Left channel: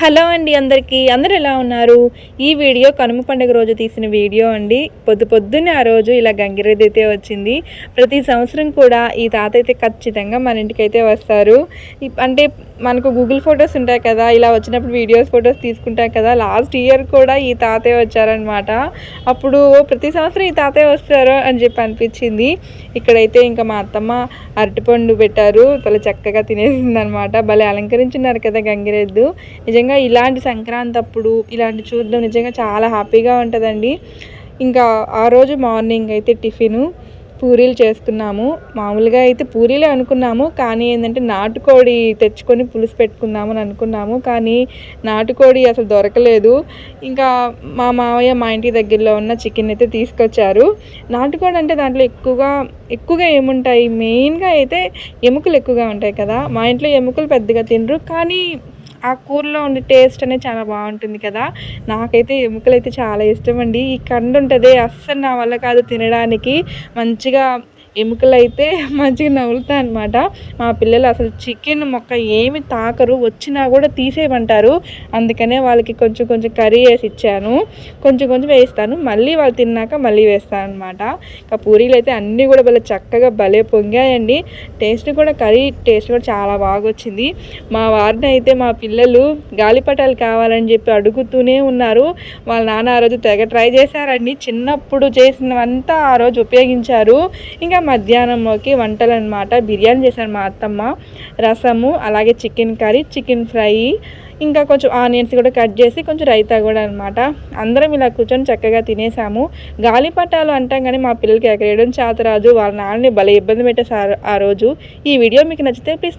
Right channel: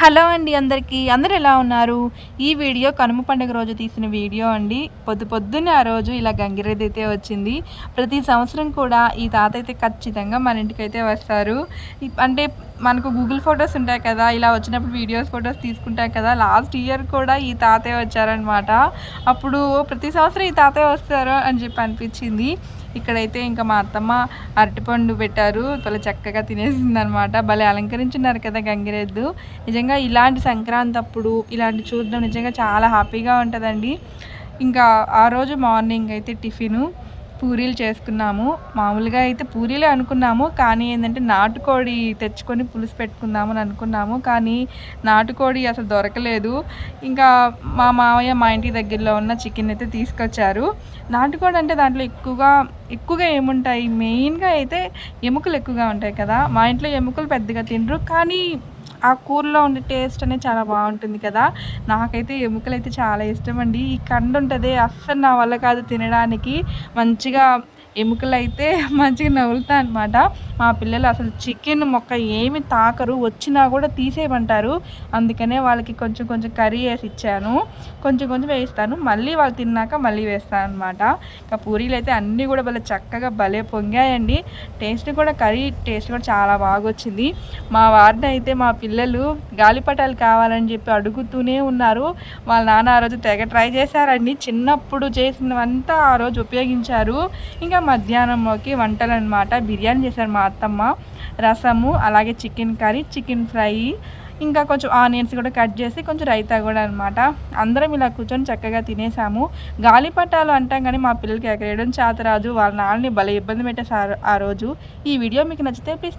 Hello అండి అందరికీ. అందరు ఎలా ఉన్నారు? ఈ వీడియో కనుమ పండుగ రోజు తీసిన వీడియో అండి. పొద్దు పొద్దున్నే ఆ రోజు ఇలా గంగిరెద్దు అయితే వచ్చింది. ప్రతి సంవత్సరం కూడా ఈ తాత అయితే ఖచ్చితంగా మన ఇంటికి అయితే వస్తారు అంటే మనకు గూగుల్ ఫొటోస్ ఉంటాయి కదా ఇలా వచ్చినప్పుడు వీడియోస్ ఫొటోస్ తీసుకుంటాం కదా లాస్ట్ ఇయర్ కూడా ఈ తాతయ్య వచ్చారనమాట. అప్పుడు ప్రతి సంవత్సరం ఈ తాతయ్య వస్తారు అని చెప్పి అనిపించింది. ఇక్కడైతే ఇంకా మా అత్తమ్మ అరటిపండు పెట్టారు. చాలా చక్కగా తినేసింది అనమాట భలే అలంకరించున్నారు కదా గంగిరెద్దు. నిజంగా ఇలాంటి సంక్రాంతి అప్పుడు ఇలాంటి చూడడం నిజంగా చాలా హ్యాపీగా ఉంటుందండి. ఇంకా ఆ రోజు మార్నింగ్ అయితే టిఫిను పూరీలు చేసుకున్నాము. మామూలుగా అయితే పూరీలే అనుకున్నాము. కానీ ఏంటంటే నాటుకోడి తెచ్చుకొని పులుసు పెట్టుకుందాము అని అనుకున్నాము. కానీ నాటుకోడి అసలు దొరకలేదు. ఇంకా మా మామయ్య మా ఇంటి దగ్గరలో ఉన్న చికెన్ అయితే తీసుకొచ్చారు. నాటుకోడి అంటే దాంట్లో ఎక్కువగా ఎక్కువగా ఏముంటాయి? మెయిన్గా అయితే ఎముకలు ఎక్కువగా ఉంటాయి కదా. మా ఇంట్లో ఎముకలు పెద్దగా తినరు. కానీ ఆ కూరలో ఉండే టేస్ట్ అనేది చాలా బాగుంటుంది కదా. నాకైతే ఎముకలు అయితే చాలా ఇష్టం అండి. ఈ కండు ఉంటుంది అస్సలు నా వల్ల కాదు తినడానికి. మంచిగా ఎముకలు అయితే మంచిగా నవ్వులుతా అనమాట మా పిల్లలు అసలు చికెన్ మొక్క ఏమి తాకరు వచ్చినా కూడా తీసేయమంటారు. అందుకనే వాళ్ళకి కొంచెం కొంచెం కర్రీ వేసి ఇచ్చాను. కొంచెం కొంచెం వేస్తాను మళ్ళీ వాళ్ళు తిన్నాక మళ్ళీ వేస్తాను అనమాట ఇంకా పూరీలు అయితే అన్నీ కూడా భలే చక్కగా భలే పొంగాయండి. టేస్ట్ కూడా కర్రీ టేస్ట్ కూడా చాలా బాగా వచ్చింది. మా వారిని అయితే మా పిల్లలు గాలిపటాలు కావాలని చెప్పి అడుగుతూనే ఉన్నారు. వాళ్ళ నాన్న ఆ రోజు తెగ ట్రై చేశారండి. చిన్నప్పుడు చేసినవంతా ఆ రోజు ఉపయోగించారు. ఇంకా మధ్యాహ్నంలోకి వంటలు అనమాట బిర్యానీ చేశారు మా అత్తమ్మ. రసము అలాగే చికెన్ కర్రీ చికెన్ ఫ్రై ఇంకా కొంచెం ఆనియన్స్ కూడా కట్ చేసి కొంచెం రైతా కూడా అనమాట అందరం ఇలా కూర్చొని చక్కగా తినేసాము. గాలిపటాలు అంటాం కానీ మా పిల్లలకి ఎక్కడ ఎగరేయడం చేతరాజు వాళ్ళ నాన్నని భలే ఇబ్బంది పెట్టేశారు ఆ రోజు. ఈ వీడియో మీకు నచ్చితే ప్లీజ్